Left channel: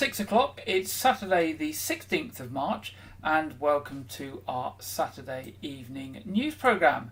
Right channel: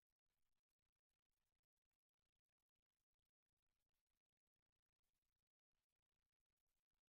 6 o'clock. It's Saturday the 16th of March and welcome to our Saturday evening news programme.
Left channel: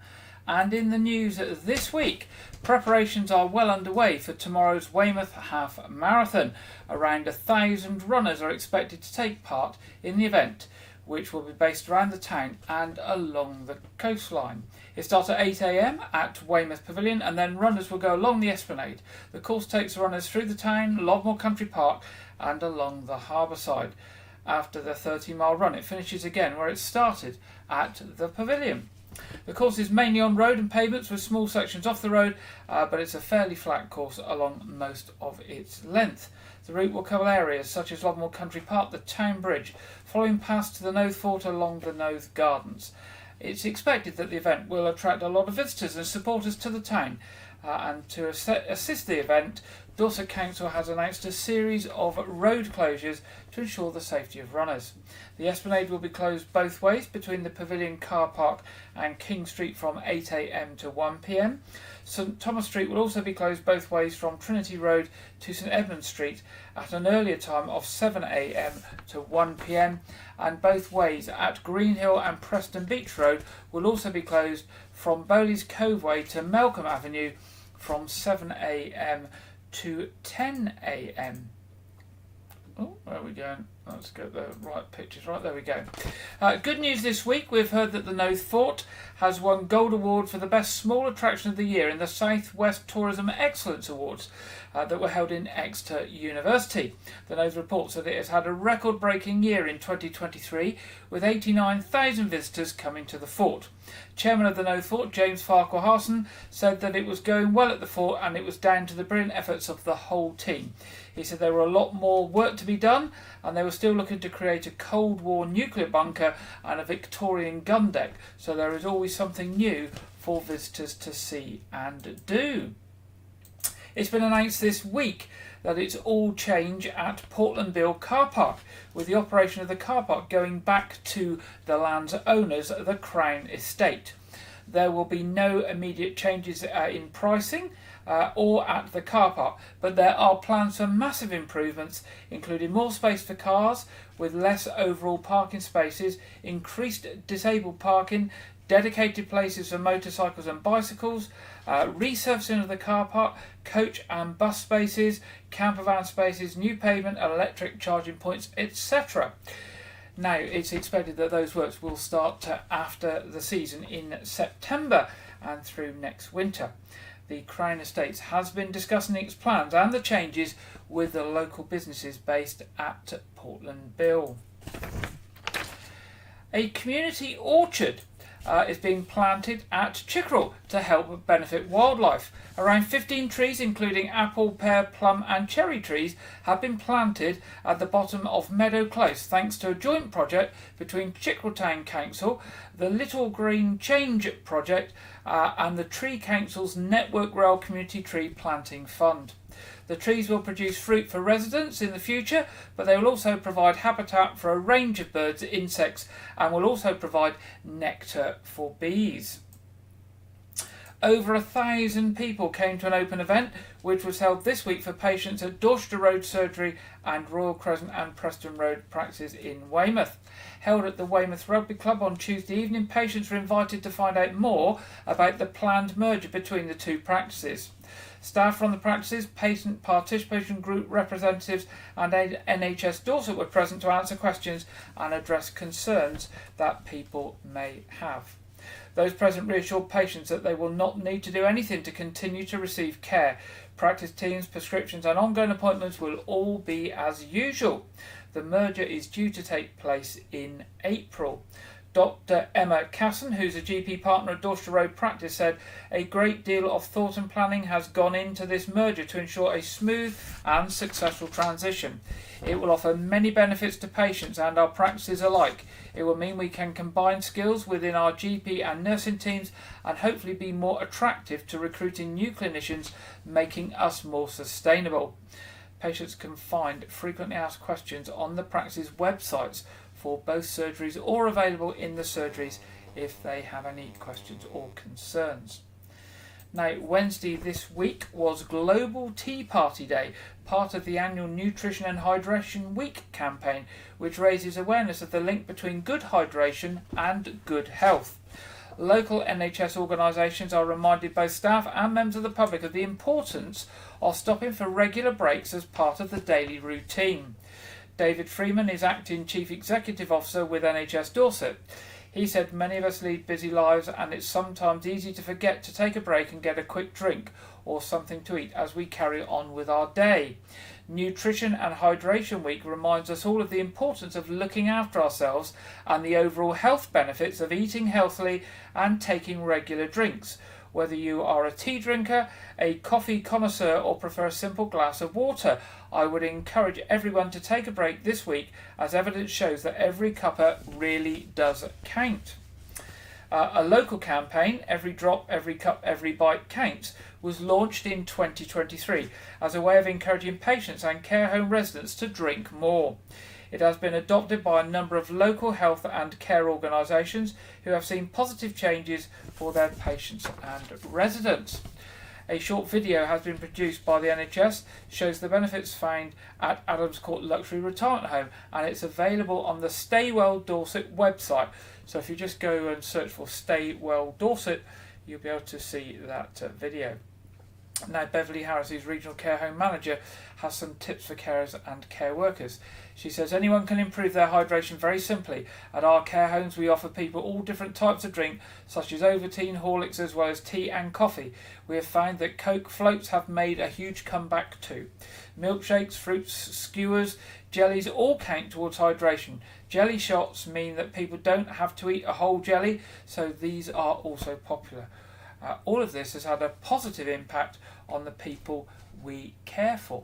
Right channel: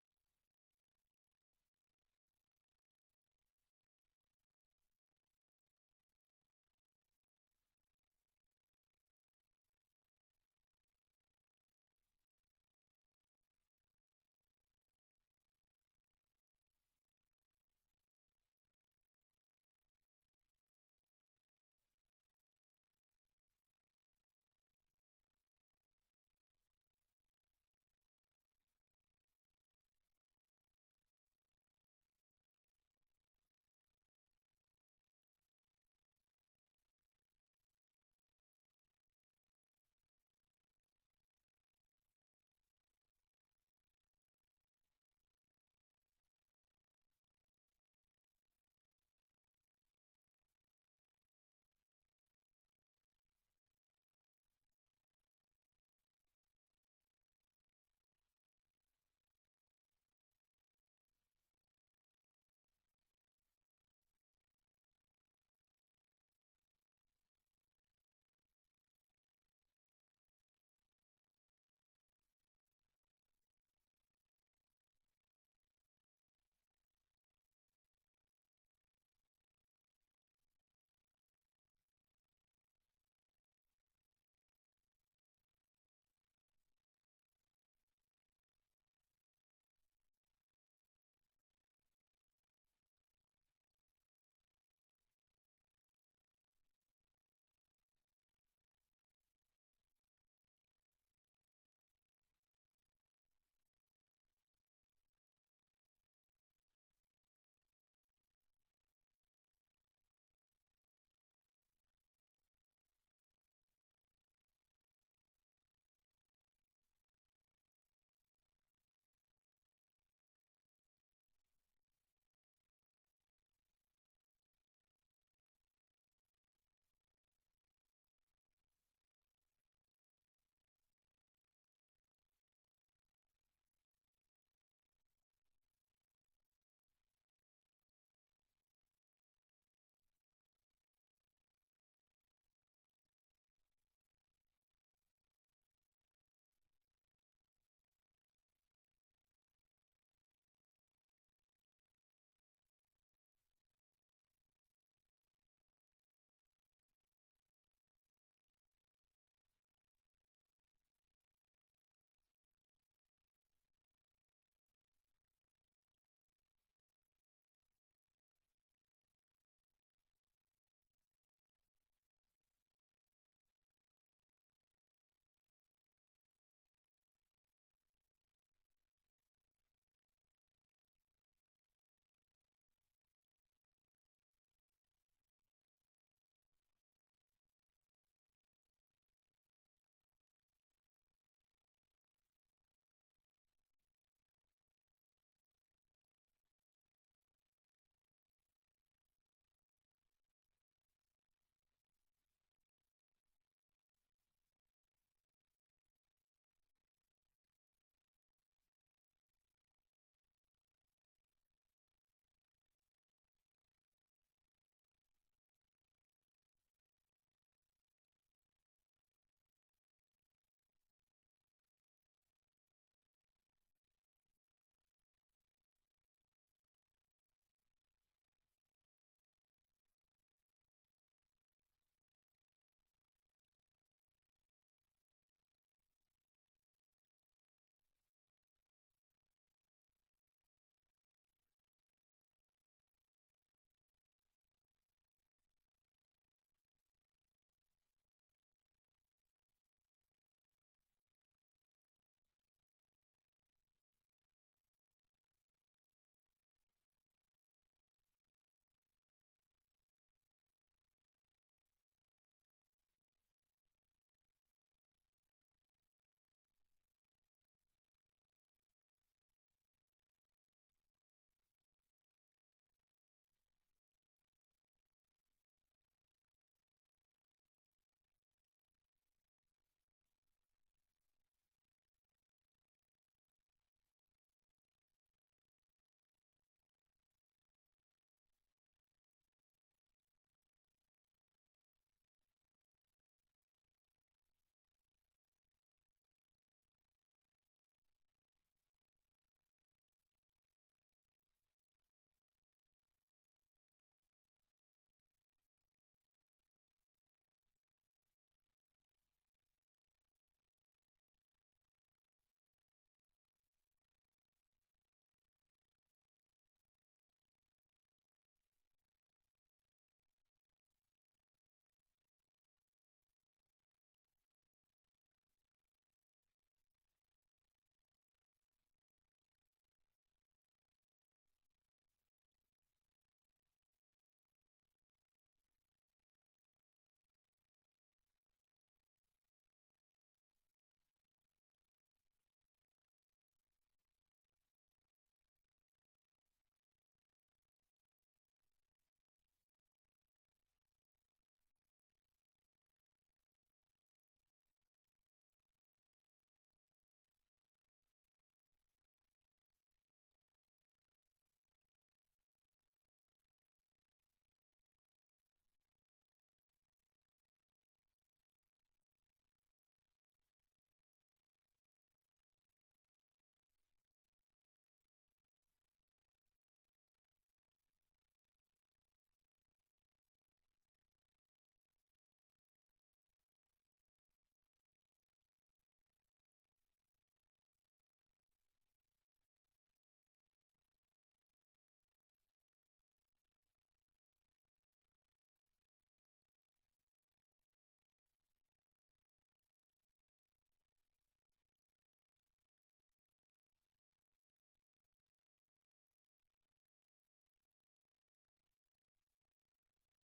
And in the news this week, preparations are well underway for tomorrow's Weymouth Half Marathon. Around 1,000 runners are expected to take part in the event, which will be based around the town and along the coastline. It starts at 8 a.m. at Weymouth Pavilion and then runners will go along the Esplanade. The course takes runners through the town, Lodmore Country Park and along the harbour side. After the 30-mile run, it finishes again where it started, at the Pavilion. The course is mainly on road and pavements with small sections off the road, but it's a fairly flat course along most of its length. The route will cover areas such as Lodmore Country Park, the Town Bridge, following past to the Noath Fort along the Noath Gardens. It's expected that the event will attract a lot of visitors and supporters to the town, and to assist the event, Dorset Council has announced a series of road closures to ensure the safety of runners. The Esplanade will be closed both ways between the Pavilion car park and King Street from 8 a.m. to 1 p.m. St Thomas Street will also be closed both ways from Trinity Road to St Edmund Street at an earlier time of 7 a.m. to 1 p.m. and both ways at Greenhill and Preston Beach Road will also be closed from Bowleys Cove Way to Melcombe Avenue from 7 a.m. to 10 a.m. Oh, where are we going? Let's get the right pictures. Right, there we go. Good news this week. We've heard that the Noath Fort has won Gold Award for the Best Small Attraction of the Year in the South West Tourism Excellence Awards that were held in Exeter University. The Noath reports that it has had a record-breaking year in 2023 with 89,000 visitors coming to the fort. Chairman of the Noath Fort, James Farquhar-Harson, said that it was going well at the fort and it was down to the brilliant efforts of the whole team. He said there were a lot more work to be done and they were still looking to create a Cold War nuclear bunker and a Victorian gun deck, so there is always something new for visitors to see and do. It's been announced this week that it's all change at Portland Bill Car Park, with the operation of the car park going back to the land's owners, the Crown Estate. There will be no immediate changes in pricing or at the car park, but there are plans for massive improvements, including more space for cars with less overall parking spaces, increased disabled parking, dedicated places for motorcycles and bicycles, resurfacing of the car park, coach and bus spaces, camper van spaces, new pavement, electric charging points, etc. Now, it's expected that those works will start after the season in September and through next winter. The Crown Estates has been discussing its plans and the changes with the local businesses based at Portland Bill. A community orchard is being planted at Chickerell to help benefit wildlife. Around 15 trees, including apple, pear, plum and cherry trees, have been planted at the bottom of Meadow Close thanks to a joint project between Chickerell Town Council, the Little Green Change Project and the Tree Council's Network Rail Community Tree Planting Fund. The trees will produce fruit for residents in the future, but they will also provide habitat for a range of birds, insects, and will also provide nectar for bees. Over 1,000 people came to an open event which was held this week for patients at Dorchester Road Surgery and Royal Crescent and Preston Road practices in Weymouth. Held at the Weymouth Rugby Club on Tuesday evening, patients were invited to find out more about the planned merger between the two practices. Staff from the practices, patient participation group representatives and NHS Dorset were present to answer questions and address concerns that people may have. Those present reassured patients that they will not need to do anything to continue to receive care. Practice teams, prescriptions and ongoing appointments will all be as usual. The merger is due to take place in April. Dr. Emma Casson, who's a GP partner at Dorchester Road Practice, said a great deal of thought and planning has gone into this merger to ensure a smooth and successful transition. It will offer many benefits to patients and our practices alike. It will mean we can combine skills within our GP and nursing teams and hopefully be more attractive to recruiting new clinicians, making us more sustainable. Patients can find frequently asked questions on the practice's websites for both surgeries or available in the surgeries if they have any questions or concerns. Now, Wednesday this week was Global Tea Party Day. part of the annual Nutrition and Hydration Week campaign, which raises awareness of the link between good hydration and good health. Local NHS organisations are reminded both staff and members of the public of the importance of stopping for regular breaks as part of the daily routine. David Freeman is Acting Chief Executive Officer with NHS Dorset. He said many of us lead busy lives and it's sometimes easy to forget to take a break and get a quick drink or something to eat as we carry on with our day. Nutrition and Hydration Week reminds us all of the importance of looking after ourselves and the overall health benefits of eating healthily and taking regular drinks. Whether you are a tea drinker, a coffee connoisseur or prefer a simple glass of water, I would encourage everyone to take a break this week, as evidence shows that every cuppa really does count. A local campaign, Every Drop, Every Cup, Every Bite Counts, was launched in 2023 as a way of encouraging patients and care home residents to drink more. It has been adopted by a number of local health and care organisations who have seen positive changes for their patients and residents. A short video has been produced by the NHS, shows the benefits found at Adams Court Luxury Retirement Home, and it's available on the Stay Well Dorset website. So if you just go and search for Stay Well Dorset, you'll be able to see that video. Now, Beverly Harris, who's Regional Care Home Manager, has some tips for carers and care workers. She says anyone can improve their hydration very simply. At our care homes we offer people all different types of drink, such as Ovaltine, Horlicks, as well as tea and coffee. We have found that Coke floats have made a huge comeback too. Milkshakes, fruits, skewers, jellies all count towards hydration. Jelly shots mean that people don't have to eat a whole jelly, so these are also popular. All of this has had a positive impact on the people we care for.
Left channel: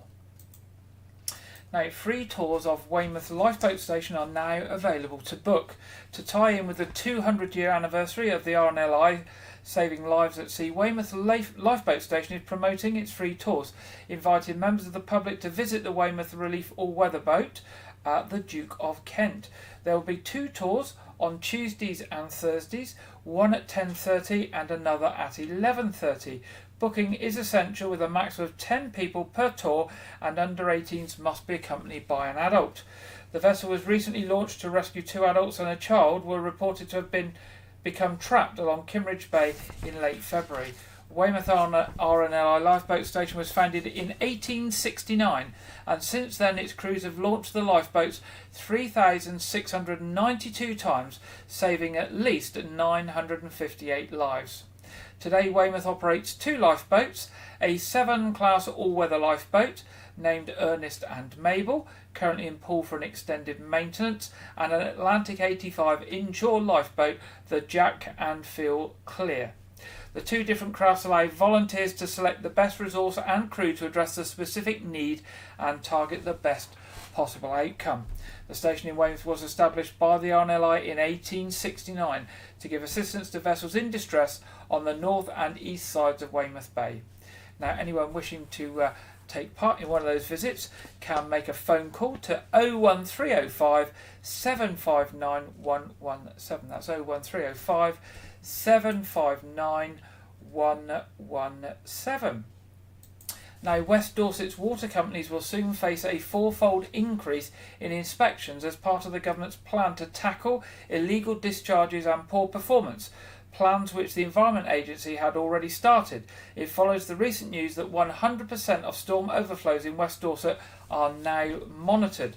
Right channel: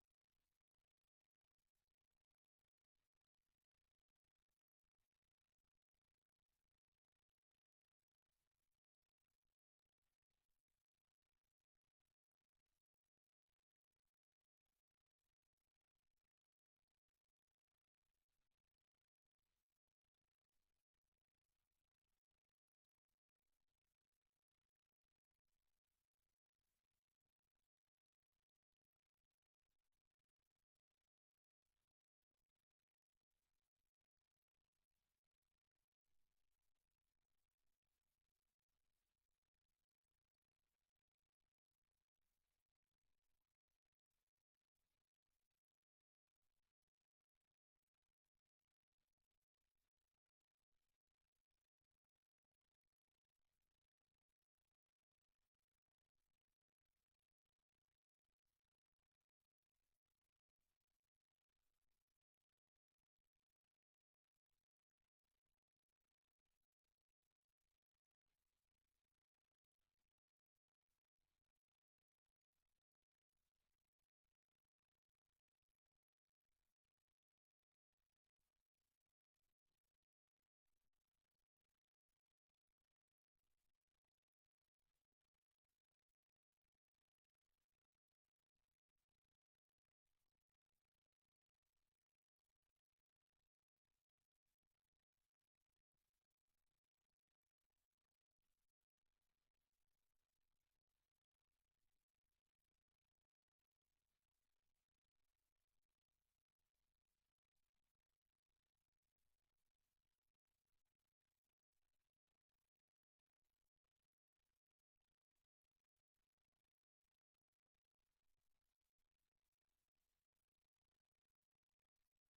Now, free tours of Weymouth Lifeboat Station are now available to book. To tie in with the 200-year anniversary of the RNLI Saving Lives at Sea, Weymouth Lifeboat Station is promoting its free tours, inviting members of the public to visit the Weymouth Relief all-weather boat at the Duke of Kent. There will be 2 tours on Tuesdays and Thursdays, one at 10:30 and another at 11:30. Booking is essential with a maximum of 10 people per tour, and under 18s must be accompanied by an adult. The vessel was recently launched to rescue 2 adults and a child were reported to have become trapped along Kimmeridge Bay in late February. Weymouth RNLI Lifeboat Station was founded in 1869, and since then its crews have launched the lifeboats 3,692 times, saving at least 958 lives. Today Weymouth operates 2 lifeboats, a 7-class all-weather lifeboat named Ernest and Mabel, currently in pool for an extended maintenance, and an Atlantic 85 inshore lifeboat, the Jack and Phil Clear. The 2 different crafts allow volunteers to select the best resource and crew to address the specific need and target the best possible outcome. The station in Weymouth was established by the RNLI in 1869 to give assistance to vessels in distress on the north and east sides of Weymouth Bay. Now, anyone wishing to take part in one of those visits can make a phone call to 01305 759 117. That's 01305 759 117. Now, West Dorset's water companies will soon face a 4-fold increase in inspections as part of the government's plan to tackle illegal discharges and poor performance, plans which the Environment Agency had already started. It follows the recent news that 100% of storm overflows in West Dorset are now monitored.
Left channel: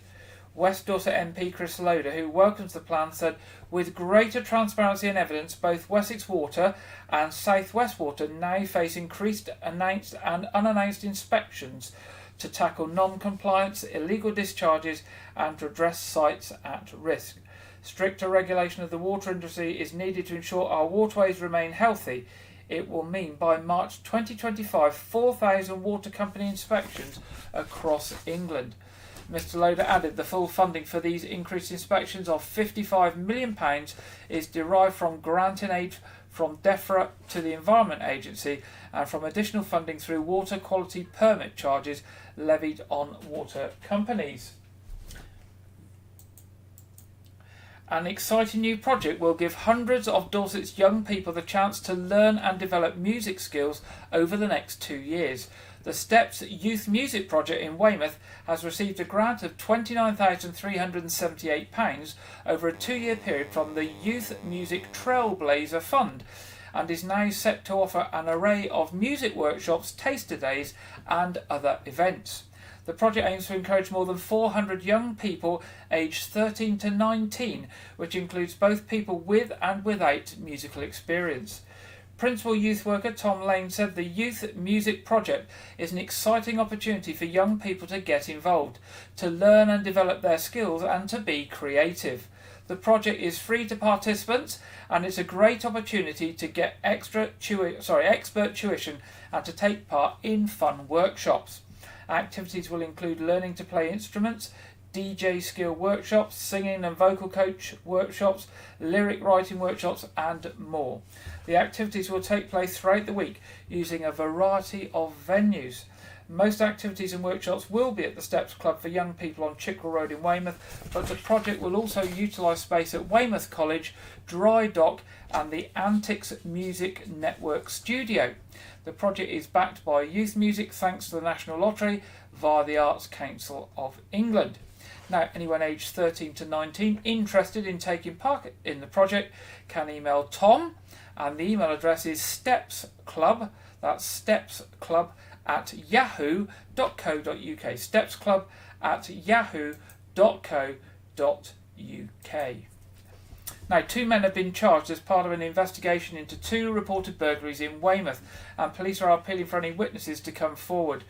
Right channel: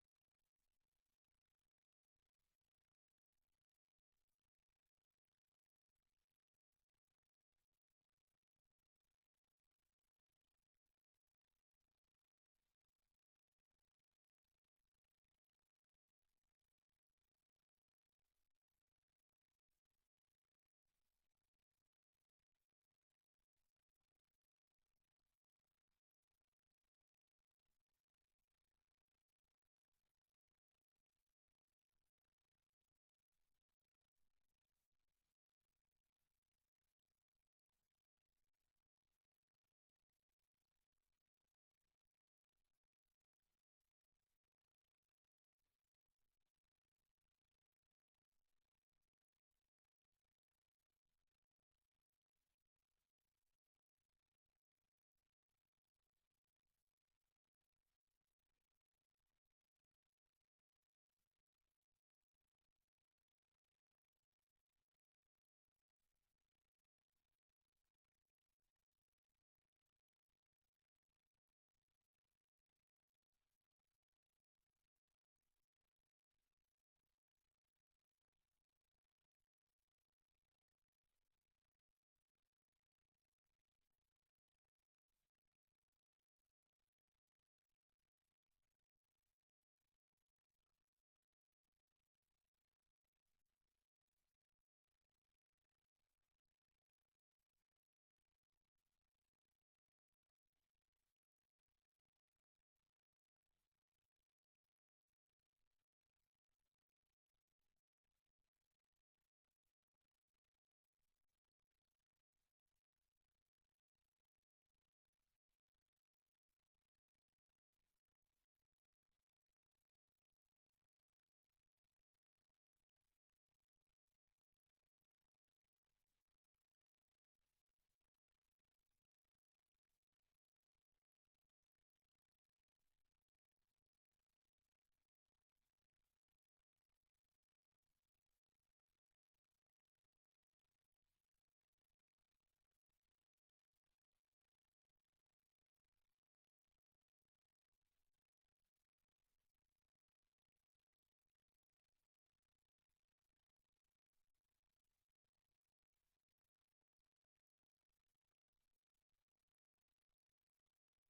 West Dorset MP Chris Loader, who welcomes the plan, said, with greater transparency and evidence, both Wessex Water and South West Water now face increased announced and unannounced inspections to tackle non-compliance, illegal discharges and to address sites at risk. Stricter regulation of the water industry is needed to ensure our waterways remain healthy. It will mean by March 2025, 4,000 water company inspections across England. Mr Loader added the full funding for these increased inspections of £55 million is derived from granting aid from DEFRA to the Environment Agency and from additional funding through water quality permit charges levied on water companies. An exciting new project will give hundreds of Dorset's young people the chance to learn and develop music skills over the next 2 years. The Steps Youth Music Project in Weymouth has received a grant of £29,378 over a 2-year period from the Youth Music Trailblazer Fund, and is now set to offer an array of music workshops, taster days and other events. The project aims to encourage more than 400 young people aged 13 to 19, which includes both people with and without musical experience. Principal Youth Worker Tom Lane said the Youth Music Project is an exciting opportunity for young people to get involved, to learn and develop their skills and to be creative. The project is free to participants and it's a great opportunity to get expert tuition and to take part in fun workshops. Activities will include learning to play instruments, DJ skill workshops, singing and vocal coach workshops, lyric writing workshops and more. The activities will take place throughout the week using a variety of venues. Most activities and workshops will be at the Steps Club for young people on Chickerell Road in Weymouth, but the project will also utilise space at Weymouth College, Dry Dock and the Antics Music Network Studio. The project is backed by Youth Music thanks to the National Lottery via the Arts Council of England. Now, anyone aged 13 to 19 interested in taking part in the project can email Tom, and the email address is stepsclub, that's stepsclub at yahoo.co.uk, stepsclub@yahoo.co.uk. Now, 2 men have been charged as part of an investigation into 2 reported burglaries in Weymouth, and police are appealing for any witnesses to come forward.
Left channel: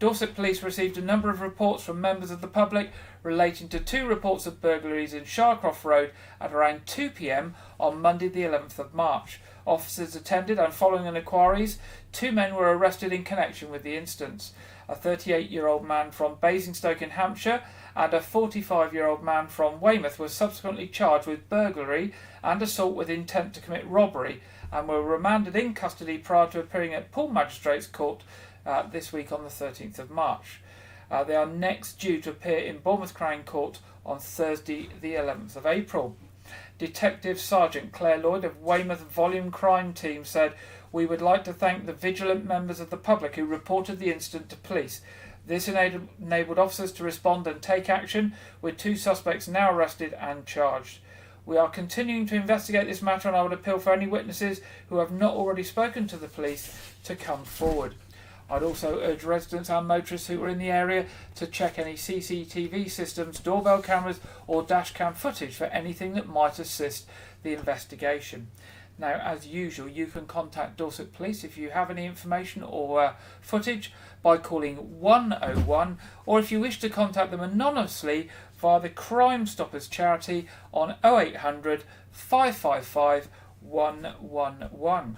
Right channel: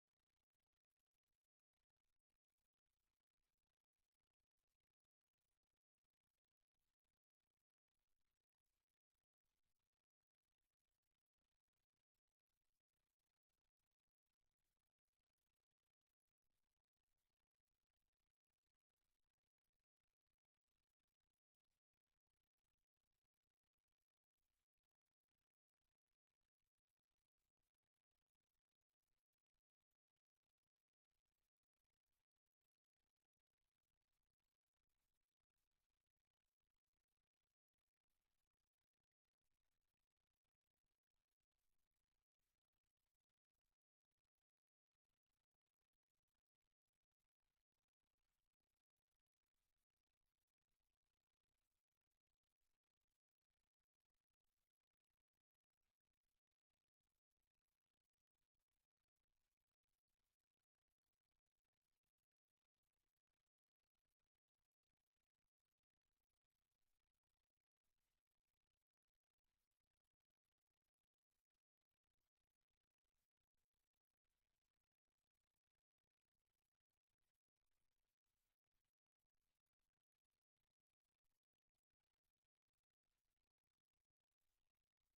Dorset Police received a number of reports from members of the public relating to 2 reports of burglaries in Sharcroft Road at around 2 p.m. on Monday the 11th of March. Officers attended, and following an inquiries, 2 men were arrested in connection with the incidents. A 38-year-old man from Basingstoke in Hampshire and a 45-year-old man from Weymouth were subsequently charged with burglary and assault with intent to commit robbery, and were remanded in custody prior to appearing at Poole Magistrates Court this week on the 13th of March. They are next due to appear in Bournemouth Crown Court on Thursday the 11th of April. Detective Sergeant Claire Lloyd of Weymouth Volume Crime Team said, "We would like to thank the vigilant members of the public who reported the incident to police. This enabled officers to respond and take action, with 2 suspects now arrested and charged. We are continuing to investigate this matter, and I would appeal for any witnesses who have not already spoken to the police to come forward." I'd also urge residents and motorists who are in the area to check any CCTV systems, doorbell cameras or dashcam footage for anything that might assist the investigation. Now, as usual, you can contact Dorset Police if you have any information or footage by calling 101, or if you wish to contact them anonymously via the Crime Stoppers charity on 0800 555 111.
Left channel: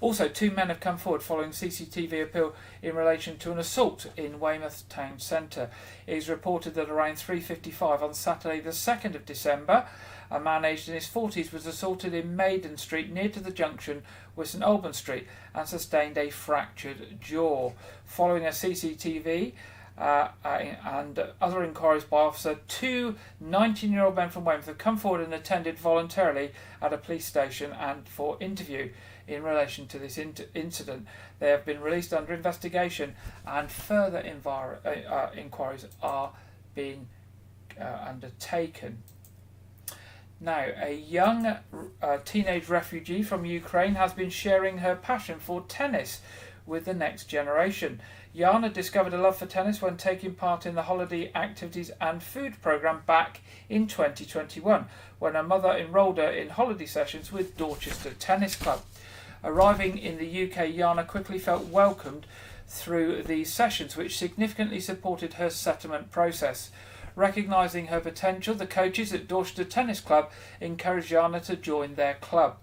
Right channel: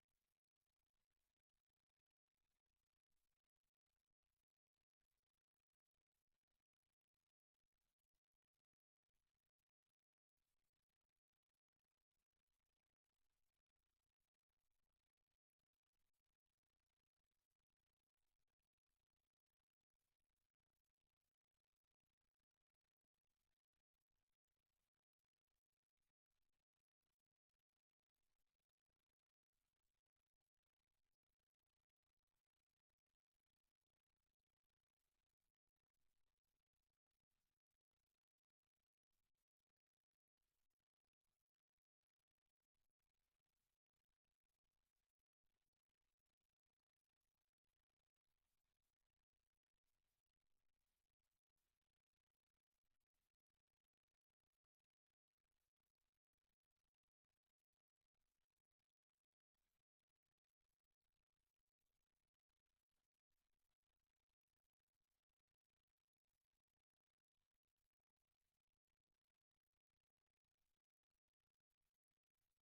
Also, 2 men have come forward following CCTV appeal in relation to an assault in Weymouth Town Centre. It is reported that around 3:55 on Saturday the 2nd of December, a man aged in his 40s was assaulted in Maiden Street near to the junction with St Albans Street and sustained a fractured jaw. Following a CCTV and other inquiries by officer, 2 19-year-old men from Weymouth have come forward and attended voluntarily at a police station and for interview in relation to this incident. They have been released under investigation, and further inquiries are being undertaken. Now, a young teenage refugee from Ukraine has been sharing her passion for tennis with the next generation. Jana discovered a love for tennis when taking part in the holiday activities and food programme back in 2021, when her mother enrolled her in holiday sessions with Dorchester Tennis Club. Arriving in the UK, Jana quickly felt welcomed through these sessions, which significantly supported her settlement process. Recognising her potential, the coaches at Dorchester Tennis Club encouraged Jana to join their club.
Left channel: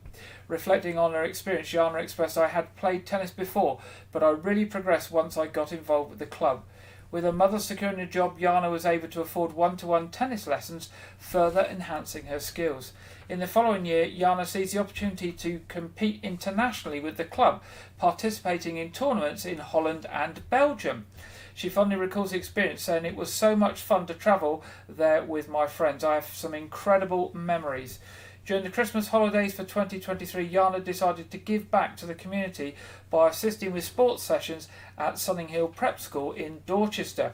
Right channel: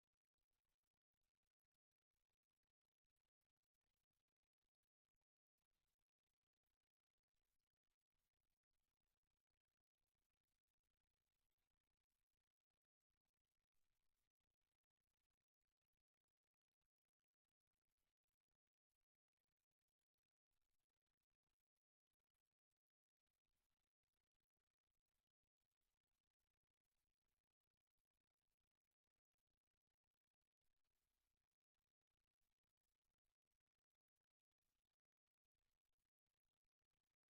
Reflecting on her experience, Jana expressed, "I had played tennis before, but I really progressed once I got involved with the club." With her mother securing a job, Jana was able to afford one-to-one tennis lessons, further enhancing her skills. In the following year, Jana sees the opportunity to compete internationally with the club, participating in tournaments in Holland and Belgium. She fondly recalls the experience, saying, "It was so much fun to travel there with my friends. I have some incredible memories." During the Christmas holidays for 2023, Yana decided to give back to the community by assisting with sports sessions at Sunning Hill Prep School in Dorchester.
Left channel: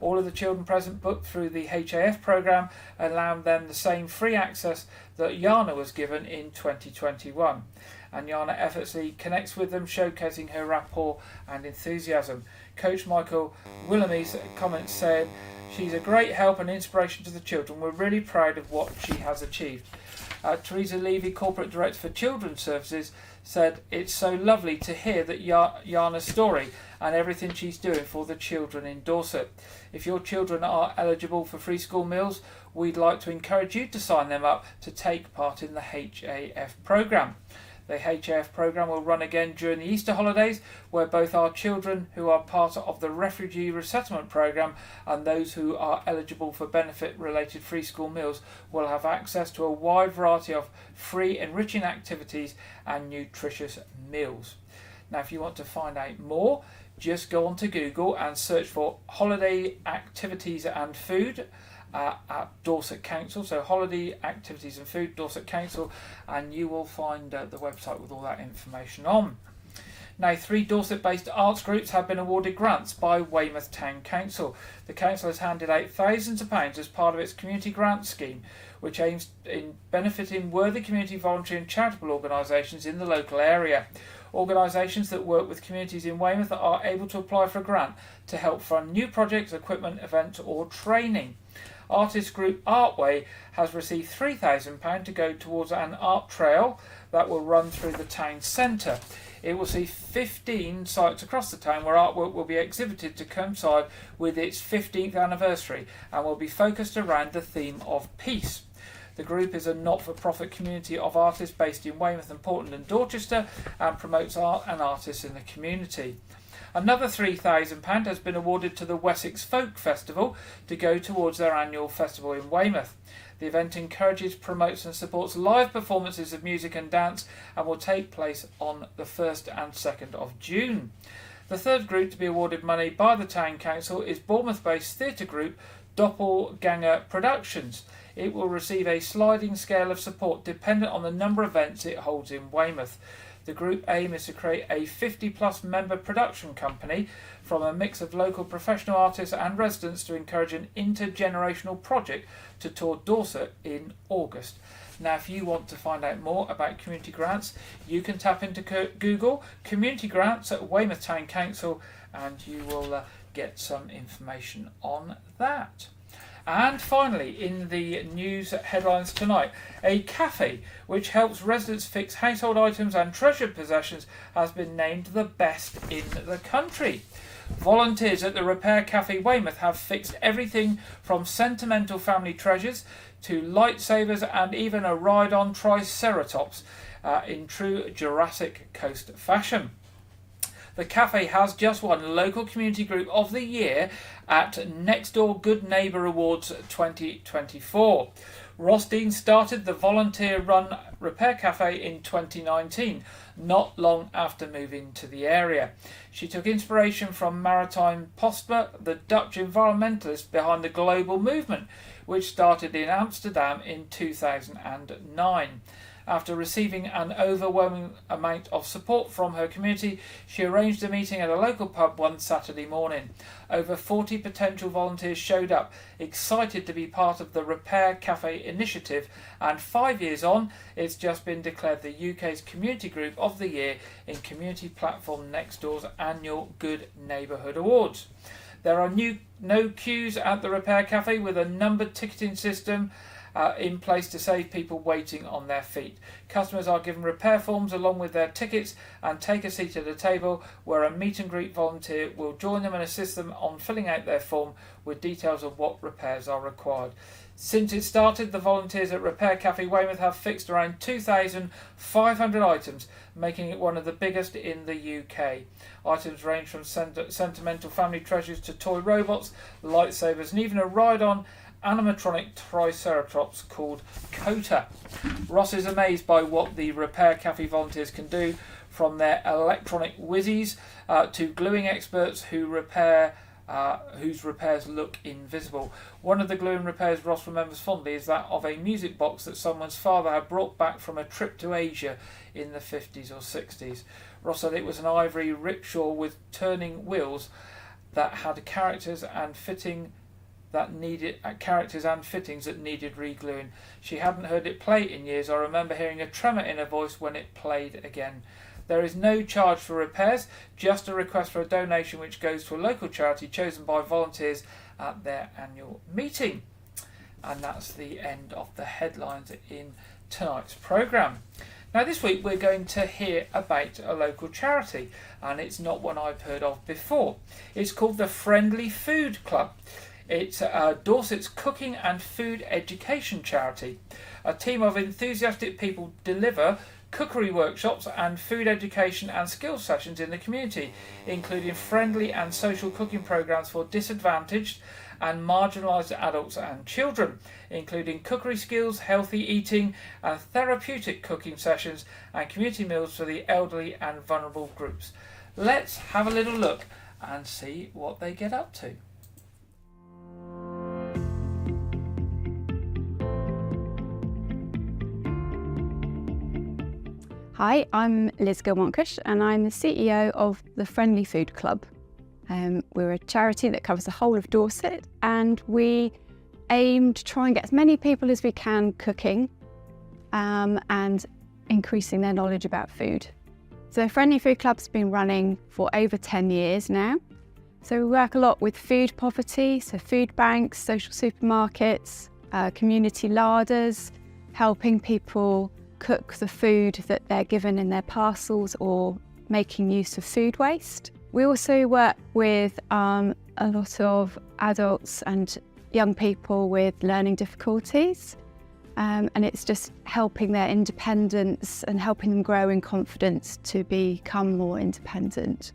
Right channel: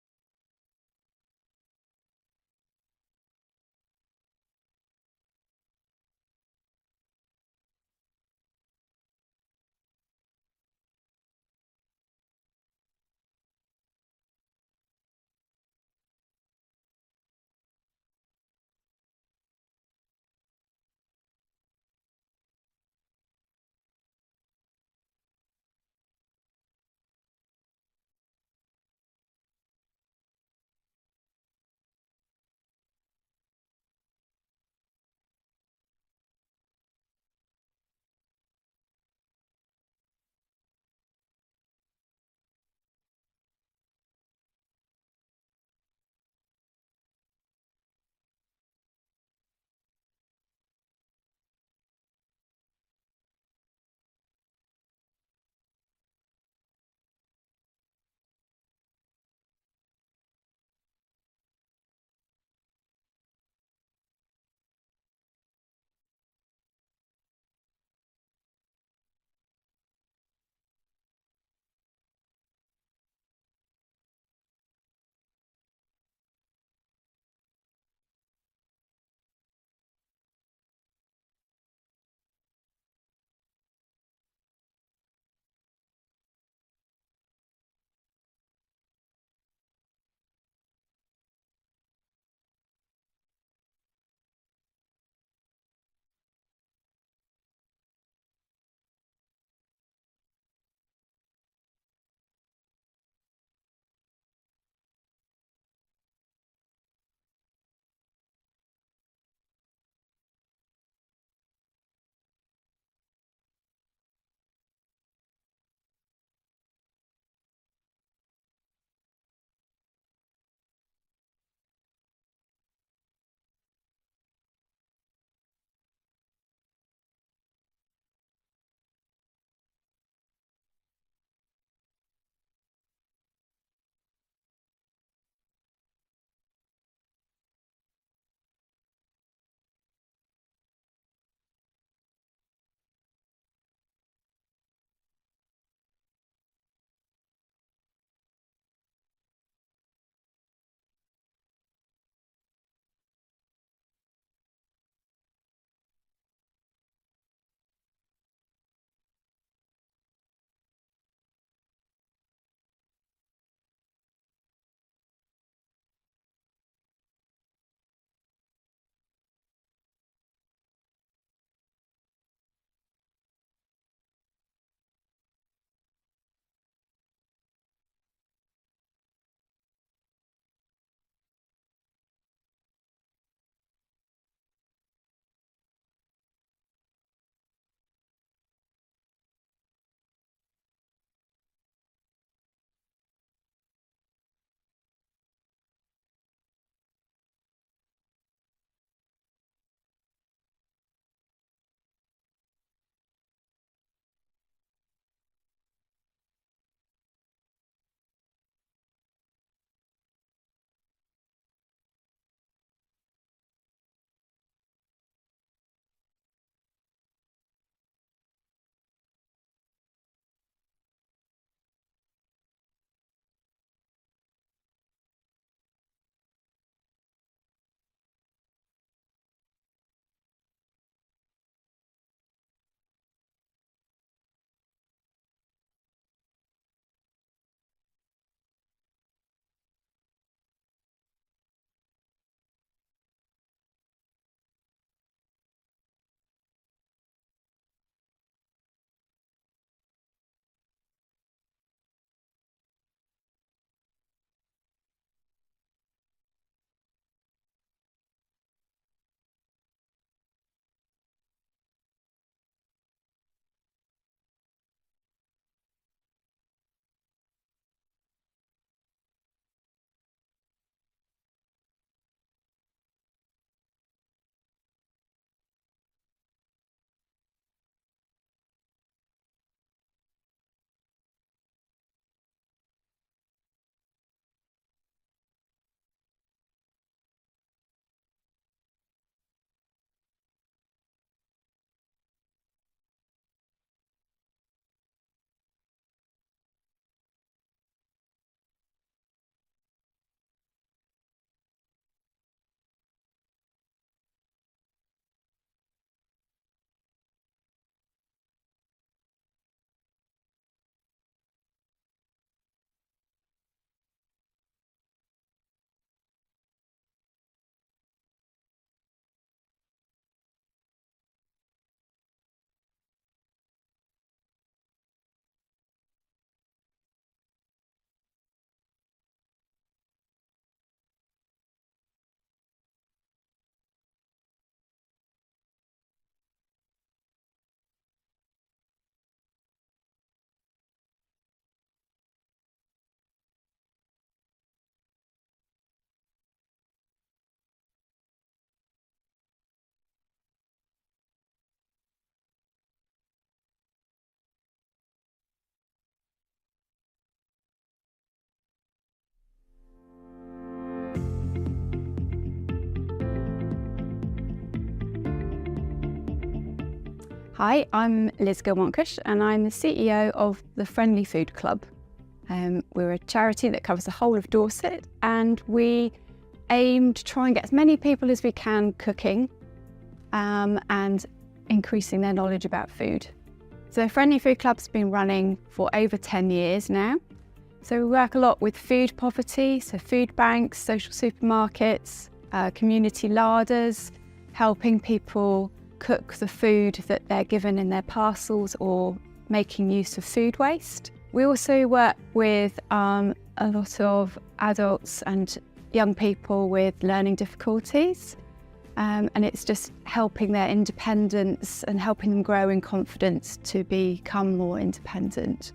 All of the children present booked through the HAF programme, allowing them the same free access that Yana was given in 2021. And Yana effortlessly connects with them, showcasing her rapport and enthusiasm. Coach Michael Willamy's comments said, "She's a great help and inspiration to the children. We're really proud of what she has achieved." Teresa Levy, Corporate Director for Children's Services, said, "It's so lovely to hear that Yana's story and everything she's doing for the children in Dorset. If your children are eligible for free school meals, we'd like to encourage you to sign them up to take part in the HAF programme. The HAF programme will run again during the Easter holidays, where both our children who are part of the Refugee Resettlement Programme and those who are eligible for benefit-related free school meals will have access to a wide variety of free enriching activities and nutritious meals." Now, if you want to find out more, just go onto Google and search for holiday activities and food at Dorset Council. So holiday activities and food, Dorset Council, and you will find the website with all that information on. Now, 3 Dorset-based arts groups have been awarded grants by Weymouth Town Council. The council has handed out thousands of pounds as part of its community grant scheme, which aims in benefiting worthy community, voluntary and charitable organisations in the local area. Organisations that work with communities in Weymouth are able to apply for a grant to help fund new projects, equipment, events or training. Artist group Artway has received £3,000 to go towards an art trail that will run through the town centre. It will see 15 sites across the town where artwork will be exhibited to coincide with its 15th anniversary and will be focused around the theme of peace. The group is a not-for-profit community of artists based in Weymouth and Portland and Dorchester and promotes art and artists in the community. Another £3,000 has been awarded to the Wessex Folk Festival to go towards their annual festival in Weymouth. The event encourages, promotes and supports live performances of music and dance and will take place on the 1st and 2nd of June. The third group to be awarded money by the Town Council is Bournemouth-based theatre group Doppelganger Productions. It will receive a sliding scale of support dependent on the number of events it holds in Weymouth. The group aim is to create a 50-plus member production company from a mix of local professional artists and residents to encourage an intergenerational project to tour Dorset in August. Now, if you want to find out more about community grants, you can tap into Google Community Grants at Weymouth Town Council and you will get some information on that. And finally, in the news headlines tonight, a cafe which helps residents fix household items and treasured possessions has been named the best in the country. Volunteers at the Repair Cafe Weymouth have fixed everything from sentimental family treasures to lightsabers and even a ride-on Triceratops in true Jurassic Coast fashion. The cafe has just won Local Community Group of the Year at Next Door Good Neighbour Awards 2024. Ross Dean started the volunteer-run Repair Cafe in 2019, not long after moving to the area. She took inspiration from Maritime Postma, the Dutch environmentalist behind the global movement, which started in Amsterdam in 2009. After receiving an overwhelming amount of support from her community, she arranged a meeting at a local pub one Saturday morning. Over 40 potential volunteers showed up, excited to be part of the Repair Cafe initiative, and 5 years on, it's just been declared the UK's Community Group of the Year in community platform Nextdoor's annual Good Neighbourhood Awards. There are no queues at the Repair Cafe with a numbered ticketing system in place to save people waiting on their feet. Customers are given repair forms along with their tickets and take a seat at a table where a meet and greet volunteer will join them and assist them on filling out their form with details of what repairs are required. Since it started, the volunteers at Repair Cafe Weymouth have fixed around 2,500 items, making it one of the biggest in the UK. Items range from sentimental family treasures to toy robots, lightsabers and even a ride-on animatronic Triceratops called Kota. Ross is amazed by what the Repair Cafe volunteers can do, from their electronic whizzies to gluing experts who repair whose repairs look invisible. One of the gluing repairs Ross remembers fondly is that of a music box that someone's father had brought back from a trip to Asia in the 50s or 60s. Ross said it was an ivory rickshaw with turning wheels that had characters and fittings that needed re-gluing. She hadn't heard it play in years. I remember hearing a tremor in her voice when it played again. There is no charge for repairs, just a request for a donation which goes to a local charity chosen by volunteers at their annual meeting. And that's the end of the headlines in tonight's programme. Now this week we're going to hear about a local charity, and it's not one I've heard of before. It's called the Friendly Food Club. It's Dorset's cooking and food education charity. A team of enthusiastic people deliver cookery workshops and food education and skills sessions in the community, including friendly and social cooking programs for disadvantaged and marginalised adults and children, including cookery skills, healthy eating and therapeutic cooking sessions and community meals for the elderly and vulnerable groups. Let's have a little look and see what they get up to. Hi, I'm Liz Gilmontcush and I'm the CEO of the Friendly Food Club. We're a charity that covers the whole of Dorset, and we aim to try and get as many people as we can cooking and increasing their knowledge about food. So the Friendly Food Club's been running for over 10 years now. So we work a lot with food poverty, so food banks, social supermarkets, community larders, helping people cook the food that they're given in their parcels or making use of food waste. We also work with a lot of adults and young people with learning difficulties, and it's just helping their independence and helping them grow in confidence to become more independent.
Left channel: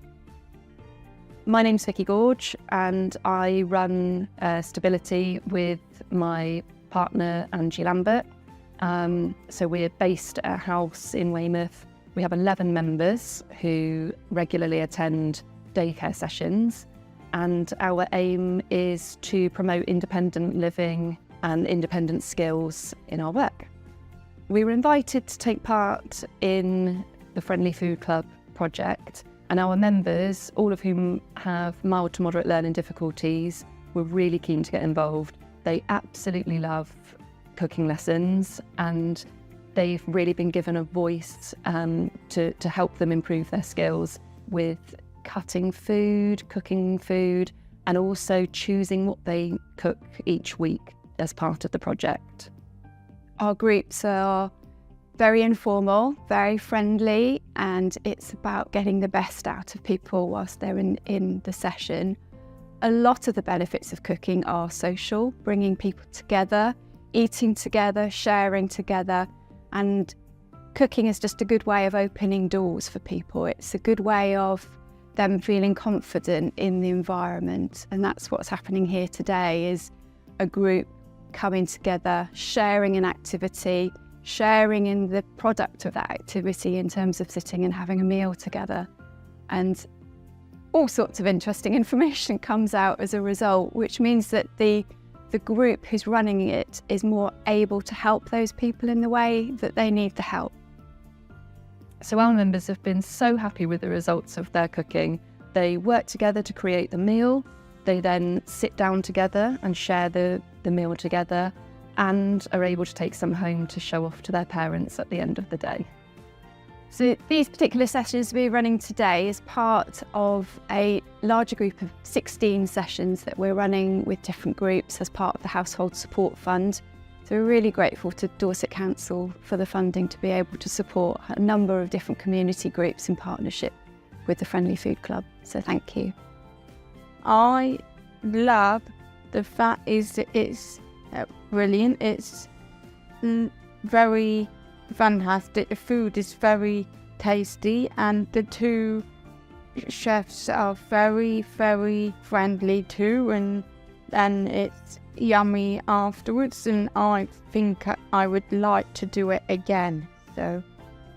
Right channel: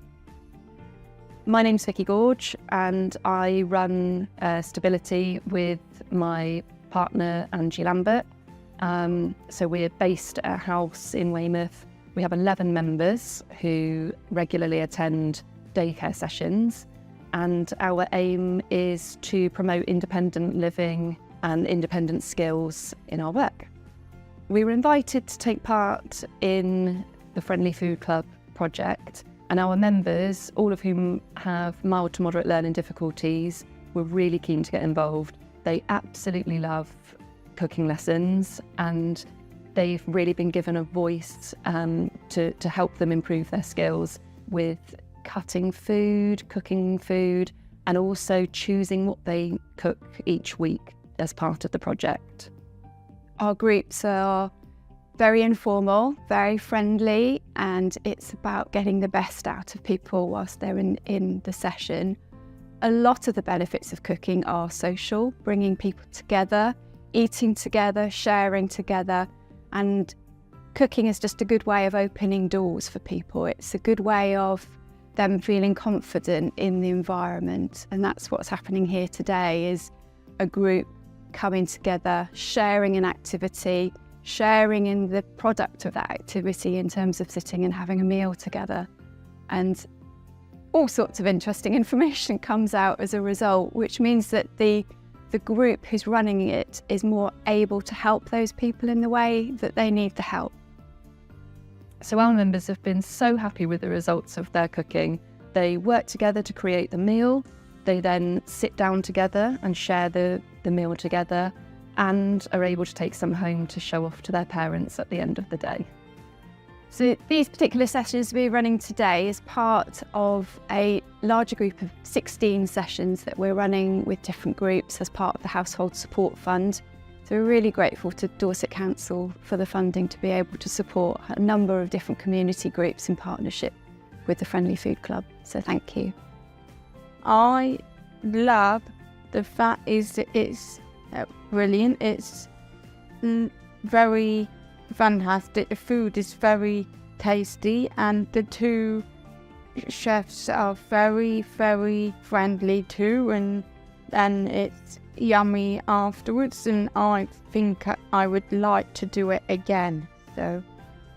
My name's Vicky Gorge and I run Stability with my partner Angie Lambert. So we're based at a house in Weymouth. We have 11 members who regularly attend daycare sessions, and our aim is to promote independent living and independent skills in our work. We were invited to take part in the Friendly Food Club project, and our members, all of whom have mild to moderate learning difficulties, were really keen to get involved. They absolutely love cooking lessons, and they've really been given a voice to help them improve their skills with cutting food, cooking food, and also choosing what they cook each week as part of the project. Our groups are very informal, very friendly, and it's about getting the best out of people whilst they're in the session. A lot of the benefits of cooking are social, bringing people together, eating together, sharing together, and cooking is just a good way of opening doors for people. It's a good way of them feeling confident in the environment, and that's what's happening here today, is a group coming together, sharing an activity, sharing in the product of that activity in terms of sitting and having a meal together. And all sorts of interesting information comes out as a result, which means that the group who's running it is more able to help those people in the way that they need the help. So our members have been so happy with the results of their cooking. They work together to create the meal. They then sit down together and share the meal together, and are able to take some home to show off to their parents at the end of the day. So these particular sessions we're running today is part of a larger group of 16 sessions that we're running with different groups as part of the Household Support Fund. So we're really grateful to Dorset Council for the funding to be able to support a number of different community groups in partnership with the Friendly Food Club. So thank you. I love the fact is that it's brilliant. It's very fantastic. The food is very tasty, and the two chefs are very, very friendly too, and it's yummy afterwards, and I think I would like to do it again. So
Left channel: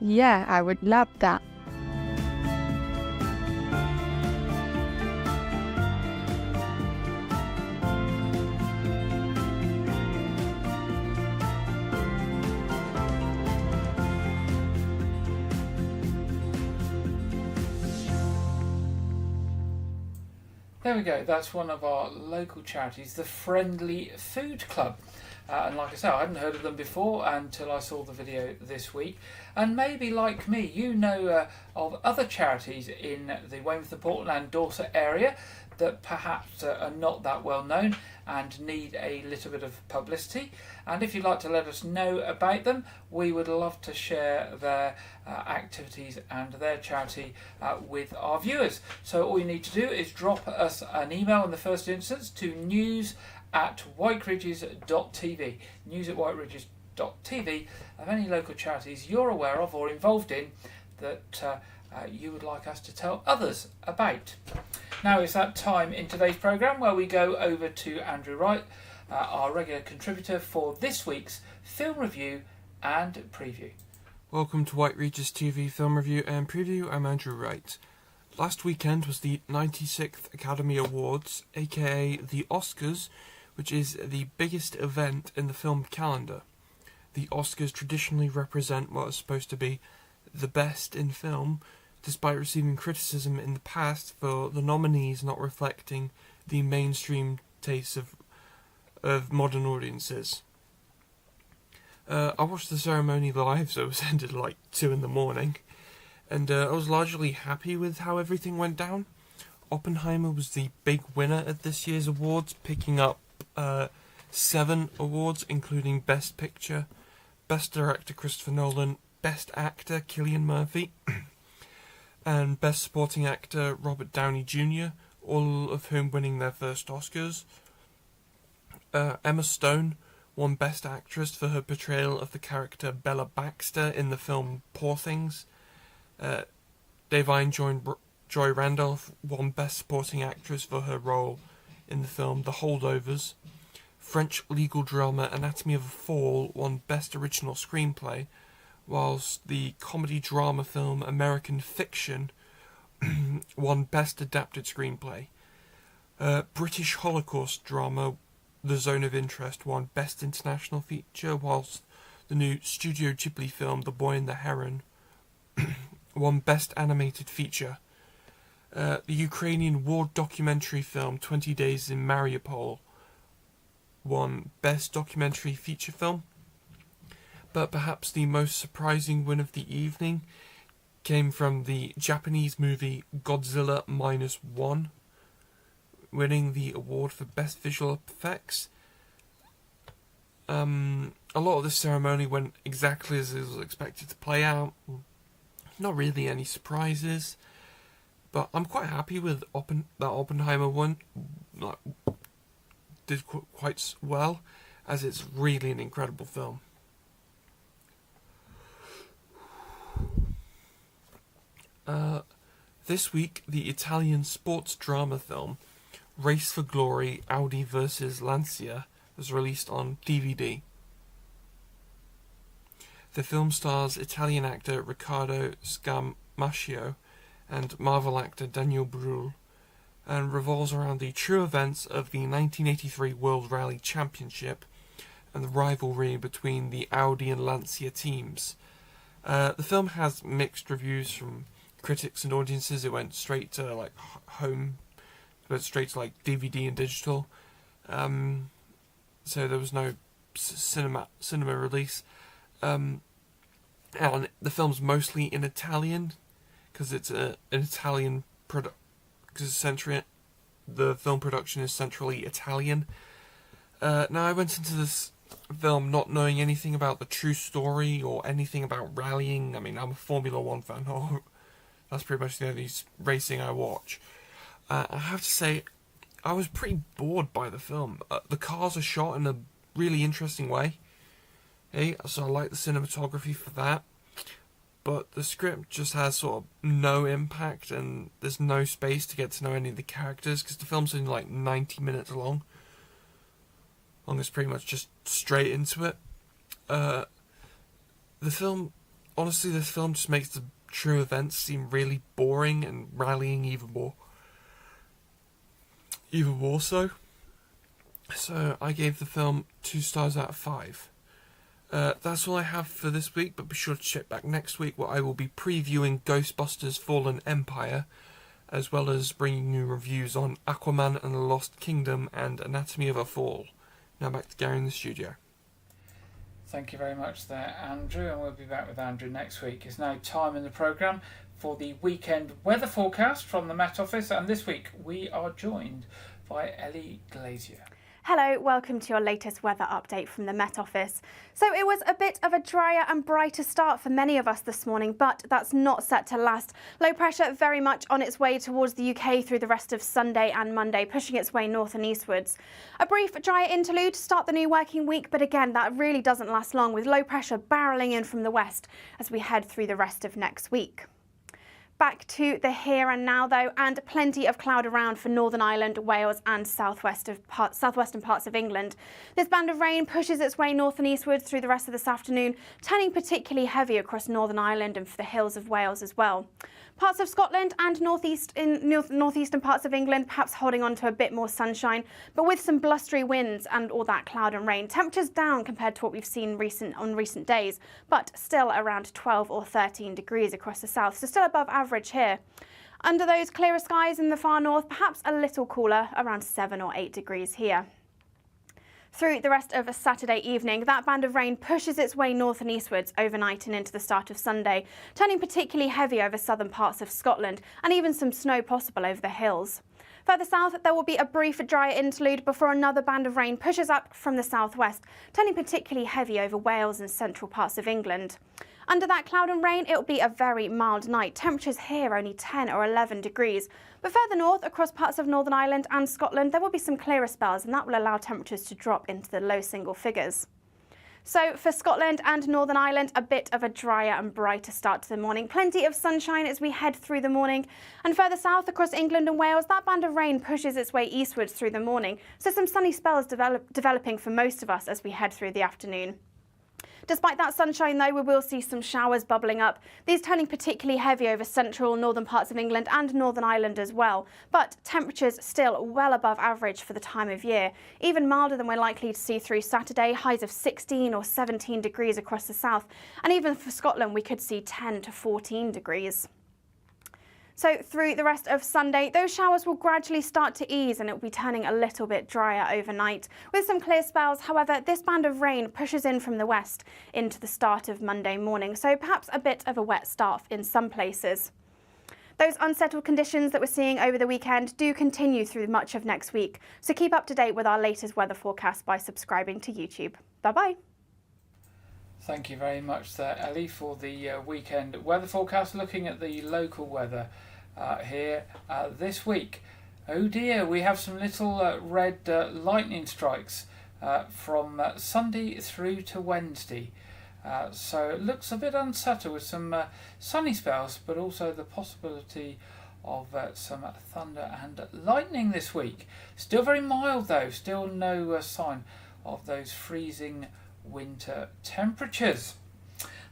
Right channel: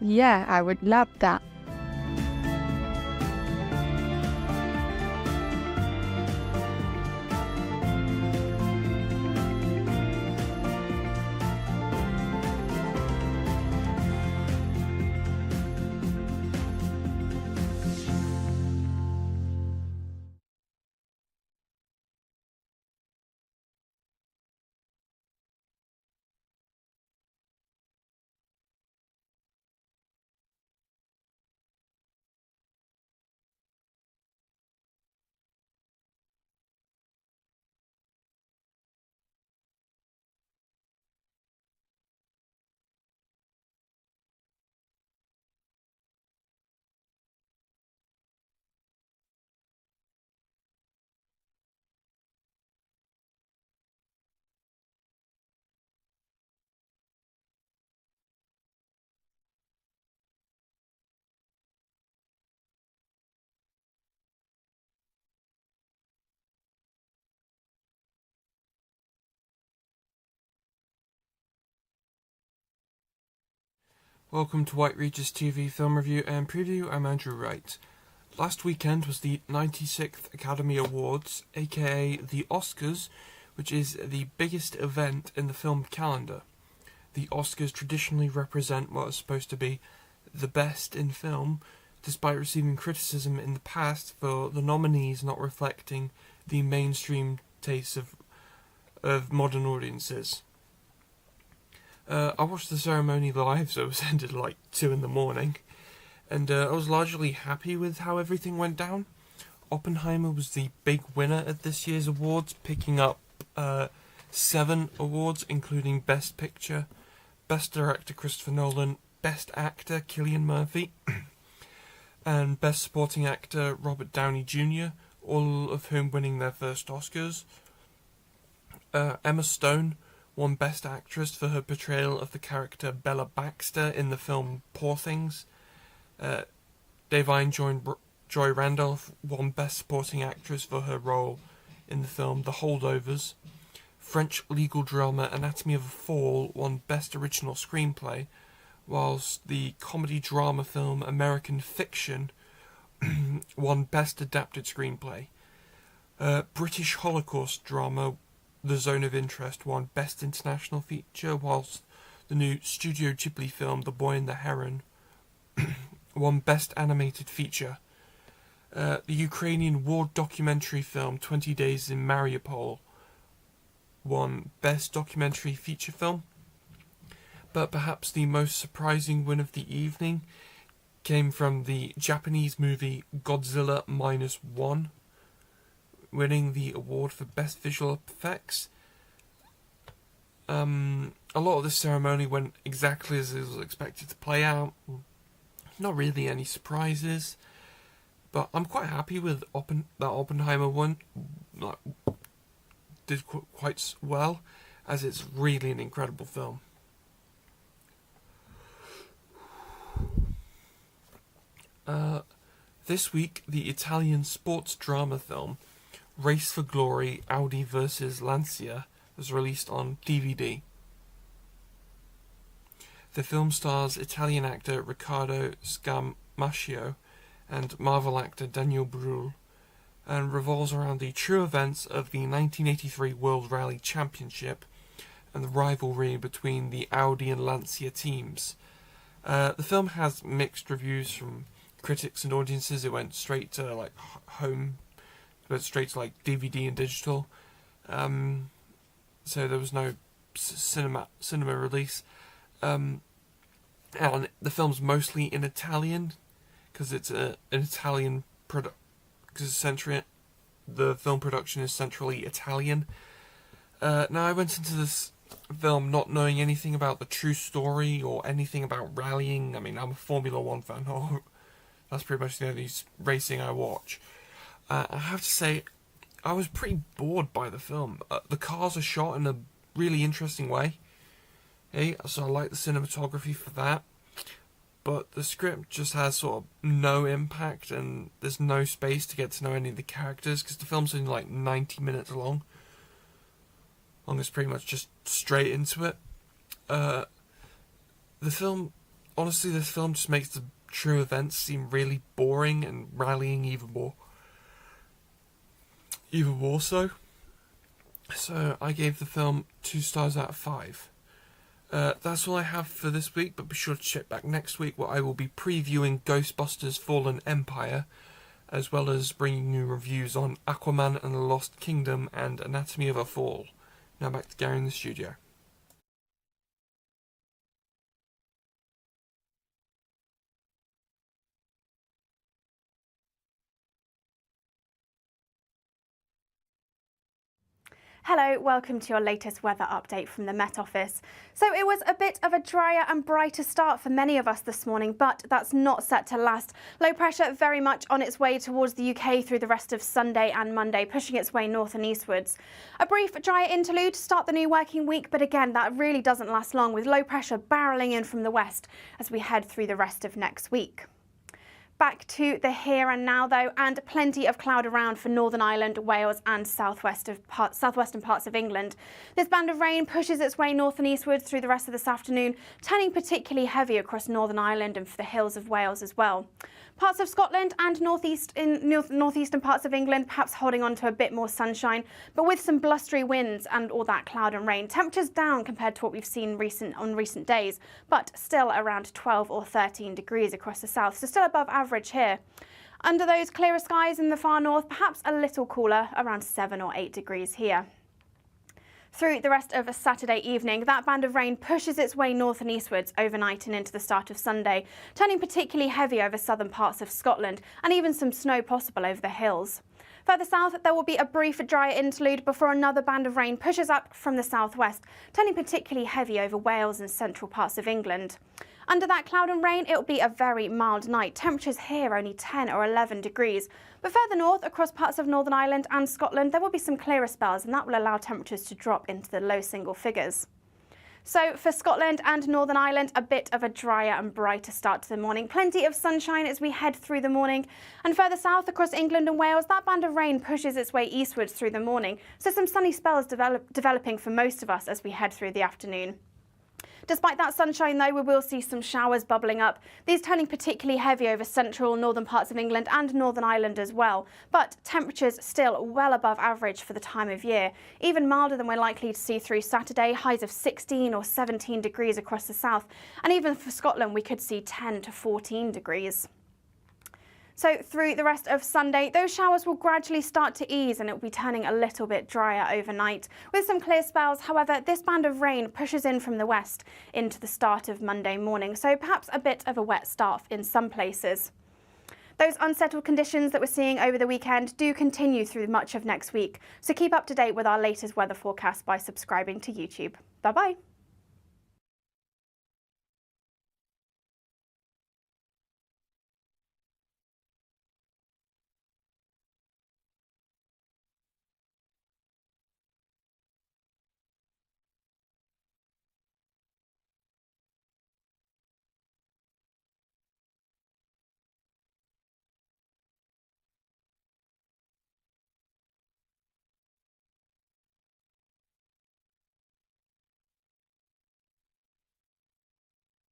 yeah, I would love that. There we go. That's one of our local charities, the Friendly Food Club. And like I said, I hadn't heard of them before until I saw the video this week. And maybe, like me, you know of other charities in the Weymouth, Portland and Dorset area that perhaps are not that well known and need a little bit of publicity. And if you'd like to let us know about them, we would love to share their activities and their charity with our viewers. So all you need to do is drop us an email in the first instance to news@whiteridges.tv, news@whiteridges.tv, of any local charities you're aware of or involved in that you would like us to tell others about. Now it's that time in today's programme where we go over to Andrew Wright, our regular contributor for this week's film review and preview. Welcome to White Regis TV Film Review and Preview. I'm Andrew Wright. Last weekend was the 96th Academy Awards, aka the Oscars, which is the biggest event in the film calendar. The Oscars traditionally represent what is supposed to be the best in film, despite receiving criticism in the past for the nominees not reflecting the mainstream tastes of modern audiences. I watched the ceremony live, so it was ended like 2 in, and I was largely happy with how everything went down. Oppenheimer was the big winner at this year's awards, picking up 7 awards, including Best Picture, Best Director Christopher Nolan, Best Actor Cillian Murphy, and Best Supporting Actor Robert Downey Jr., all of whom winning their first Oscars. Emma Stone won Best Actress for her portrayal of the character Bella Baxter in the film Poor Things. Da'Vine Joy Randolph won Best Supporting Actress for her role in the film The Holdovers. French legal drama Anatomy of a Fall won Best Original Screenplay, whilst the comedy drama film American Fiction won Best Adapted Screenplay. British Holocaust drama The Zone of Interest won Best International Feature, whilst the new Studio Ghibli film The Boy and the Heron won Best Animated Feature. The Ukrainian war documentary film 20 Days in Mariupol won Best Documentary Feature Film. But perhaps the most surprising win of the evening came from the Japanese movie Godzilla -1, winning the award for Best Visual Effects. A lot of this ceremony went exactly as it was expected to play out. Not really any surprises, but I'm quite happy with that Oppenheimer one. Did quite well, as it's really an incredible film. This week, the Italian sports drama film Race for Glory, Audi vs Lancia was released on DVD. The film stars Italian actor Riccardo Scamascio and Marvel actor Daniel Brühl, and revolves around the true events of the 1983 World Rally Championship and the rivalry between the Audi and Lancia teams. The film has mixed reviews from critics and audiences. It went straight to went straight to DVD and digital, so there was no cinema release. And the film's mostly in Italian because it's an Italian product. Because the film production is centrally Italian. Now, I went into this film not knowing anything about the true story or anything about rallying. I mean, I'm a Formula 1 fan. That's pretty much the only racing I watch. I have to say, I was pretty bored by the film. The cars are shot in a really interesting way. Hey, so I like the cinematography for that. But the script just has sort of no impact, and there's no space to get to know any of the characters, because the film's only like 90 minutes long. It's pretty much just straight into it. This film just makes the true events seem really boring, and rallying even more so. So I gave the film 2 stars out of 5. That's all I have for this week, but be sure to check back next week where I will be previewing Ghostbusters Fallen Empire, as well as bringing you reviews on Aquaman and the Lost Kingdom and Anatomy of a Fall. Now back to Gary in the studio. Thank you very much there, Andrew, and we'll be back with Andrew next week. It's now time in the programme for the weekend weather forecast from the Met Office, and this week we are joined by Ellie Glazier. Hello, welcome to your latest weather update from the Met Office. So it was a bit of a drier and brighter start for many of us this morning, but that's not set to last. Low pressure very much on its way towards the UK through the rest of Sunday and Monday, pushing its way north and eastwards. A brief drier interlude to start the new working week, but again, that really doesn't last long, with low pressure barrelling in from the west as we head through the rest of next week. Back to the here and now though, and plenty of cloud around for Northern Ireland, Wales and southwestern parts of England. This band of rain pushes its way north and eastwards through the rest of this afternoon, turning particularly heavy across Northern Ireland and for the hills of Wales as well. Parts of Scotland and northeastern parts of England perhaps holding on to a bit more sunshine, but with some blustery winds and all that cloud and rain. Temperatures down compared to what we've seen on recent days, but still around 12 or 13 degrees across the south, so still above average here. Under those clearer skies in the far north, perhaps a little cooler, around 7 or 8 degrees here. Through the rest of Saturday evening, that band of rain pushes its way north and eastwards overnight and into the start of Sunday, turning particularly heavy over southern parts of Scotland and even some snow possible over the hills. Further south, there will be a brief drier interlude before another band of rain pushes up from the southwest, turning particularly heavy over Wales and central parts of England. Under that cloud and rain, it will be a very mild night. Temperatures here only 10 or 11 degrees. But further north, across parts of Northern Ireland and Scotland, there will be some clearer spells, and that will allow temperatures to drop into the low single figures. So for Scotland and Northern Ireland, a bit of a drier and brighter start to the morning. Plenty of sunshine as we head through the morning. And further south across England and Wales, that band of rain pushes its way eastwards through the morning. So some sunny spells developing for most of us as we head through the afternoon. Despite that sunshine though, we will see some showers bubbling up, these turning particularly heavy over central northern parts of England and Northern Ireland as well. But temperatures still well above average for the time of year, even milder than we're likely to see through Saturday, highs of 16 or 17 degrees across the south, and even for Scotland we could see 10 to 14 degrees. So through the rest of Sunday, those showers will gradually start to ease and it will be turning a little bit drier overnight. With some clear spells, however, this band of rain pushes in from the west into the start of Monday morning, so perhaps a bit of a wet start in some places. Those unsettled conditions that we're seeing over the weekend do continue through much of next week, so keep up to date with our latest weather forecast by subscribing to YouTube. Bye-bye. Thank you very much there, Ellie, for the weekend weather forecast, looking at the local weather here this week. Oh dear, we have some little red lightning strikes from Sunday through to Wednesday. So it looks a bit unsettled with some sunny spells, but also the possibility of some thunder and lightning this week. Still very mild though, still no sign of those freezing winter temperatures.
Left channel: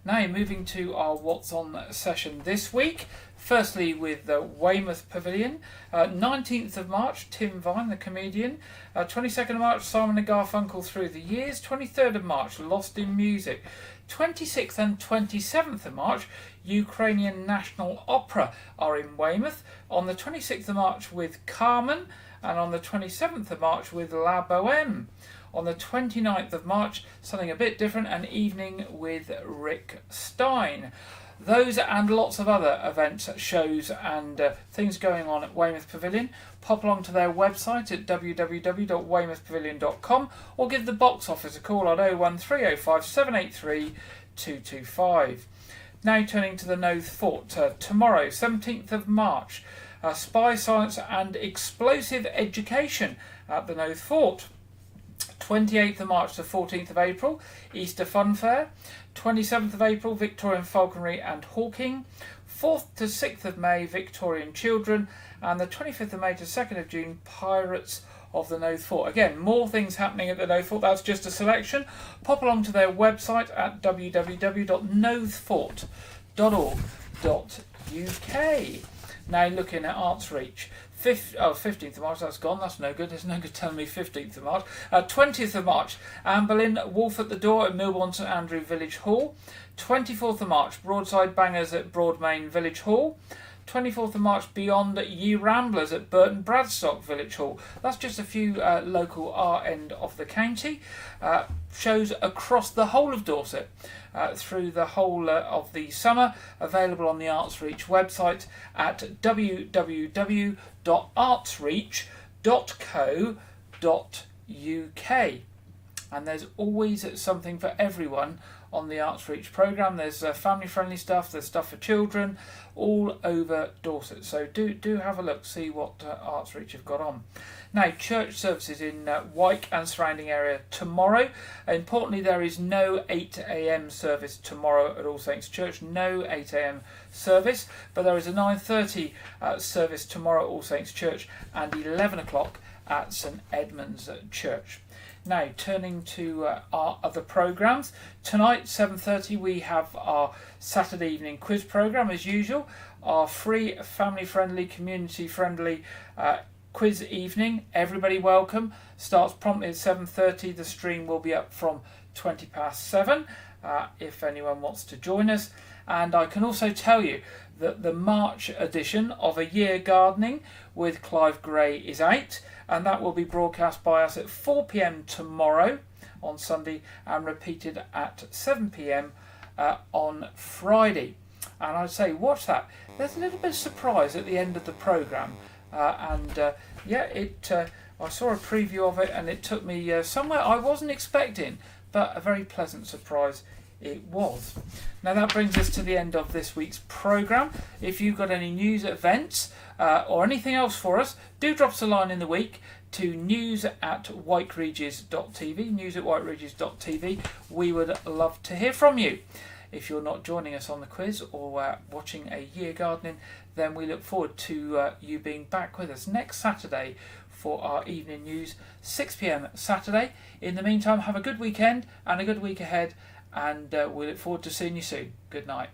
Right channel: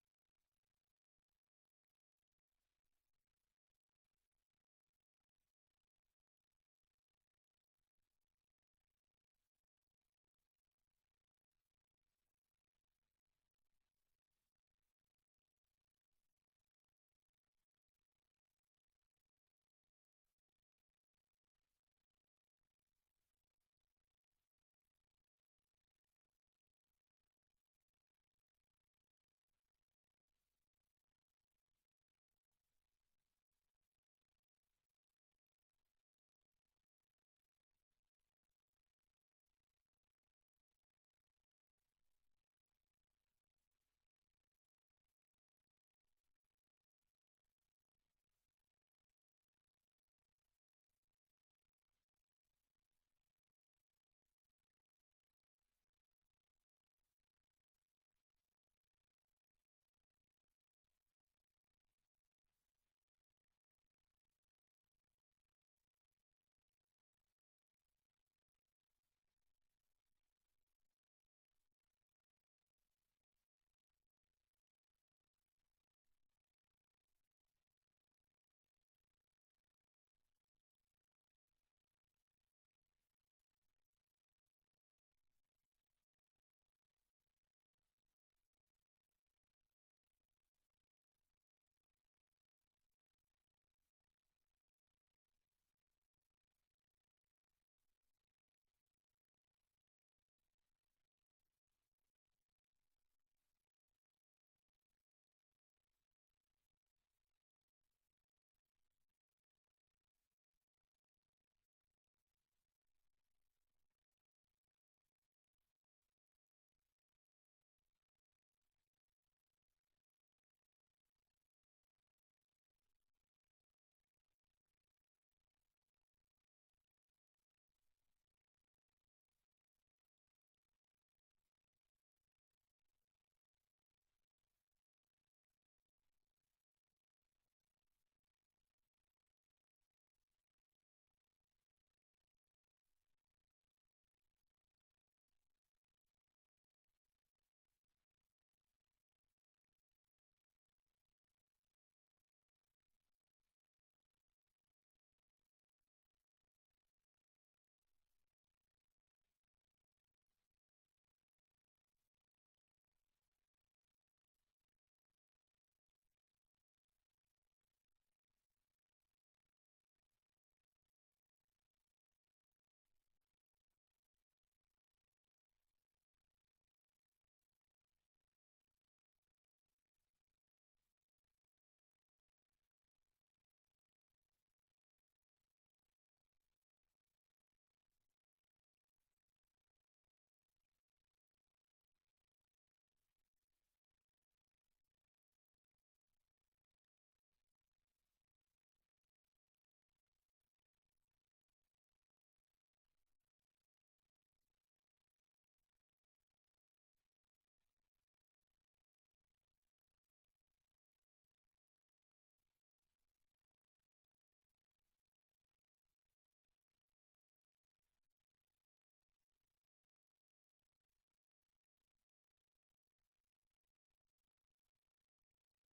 Now moving to our What's On session this week. Firstly with the Weymouth Pavilion. 19th of March, Tim Vine, the comedian. 22nd of March, Simon and Garfunkel Through the Years. 23rd of March, Lost in Music. 26th and 27th of March, Ukrainian National Opera are in Weymouth. On the 26th of March with Carmen, and on the 27th of March with La Boheme. On the 29th of March, something a bit different, an evening with Rick Stein. Those and lots of other events, shows and things going on at Weymouth Pavilion. Pop along to their website at www.weymouthpavilion.com or give the box office a call on 01305 783 225. Now turning to the Knowth Fort. Tomorrow, 17th of March, Spy, Science and Explosive Education at the Knowth Fort. 28th of March to 14th of April, Easter Fun Fair. 27th of April, Victorian Falconry and Hawking. 4th to 6th of May, Victorian Children. And the 25th of May to 2nd of June, Pirates of the Knowth Fort. Again, more things happening at the Knowth Fort. That's just a selection. Pop along to their website at www.knowthfort.org.uk. Now looking at Arts Reach. 15th of March, that's gone, that's no good, there's no good telling me 15th of March. 20th of March, Anne Boleyn, Wolf at the Door at Milbourne St Andrew Village Hall. 24th of March, Broadside Bangers at Broadmain Village Hall. 24th of March, Beyond Ye Ramblers at Burton Bradstock Village Hall. That's just a few local our end of the county. Shows across the whole of Dorset through the whole of the summer, available on the Arts Reach website at www.artsreach.co.uk. And there's always something for everyone on the Arts Reach programme. There's family friendly stuff, there's stuff for children, all over Dorset. So do have a look, see what Arts Reach have got on. Now, church services in Wyke and surrounding area tomorrow. Importantly, there is no 8 a.m. service tomorrow at All Saints Church. No 8 a.m. service, but there is a 9:30 service tomorrow at All Saints Church and 11 o'clock at St Edmund's Church. Now, turning to our other programmes. Tonight, 7:30, we have our Saturday evening quiz programme as usual. Our free, family-friendly, community-friendly quiz evening. Everybody welcome. Starts promptly at 7:30. The stream will be up from 7:20 if anyone wants to join us. And I can also tell you that the March edition of A Year Gardening with Clive Gray is out, and that will be broadcast by us at 4 p.m. tomorrow on Sunday and repeated at 7 p.m. On Friday. And I'd say watch that. There's a little bit of surprise at the end of the programme, I saw a preview of it and it took me somewhere I wasn't expecting, but a very pleasant surprise it was. Now that brings us to the end of this week's programme. If you've got any news, events or anything else for us, do drop us a line in the week to news@whiteregis.tv. We would love to hear from you. If you're not joining us on the quiz or watching A Year Gardening, then we look forward to you being back with us next Saturday for our evening news, 6 p.m. Saturday. In the meantime, have a good weekend and a good week ahead, and we look forward to seeing you soon. Good night.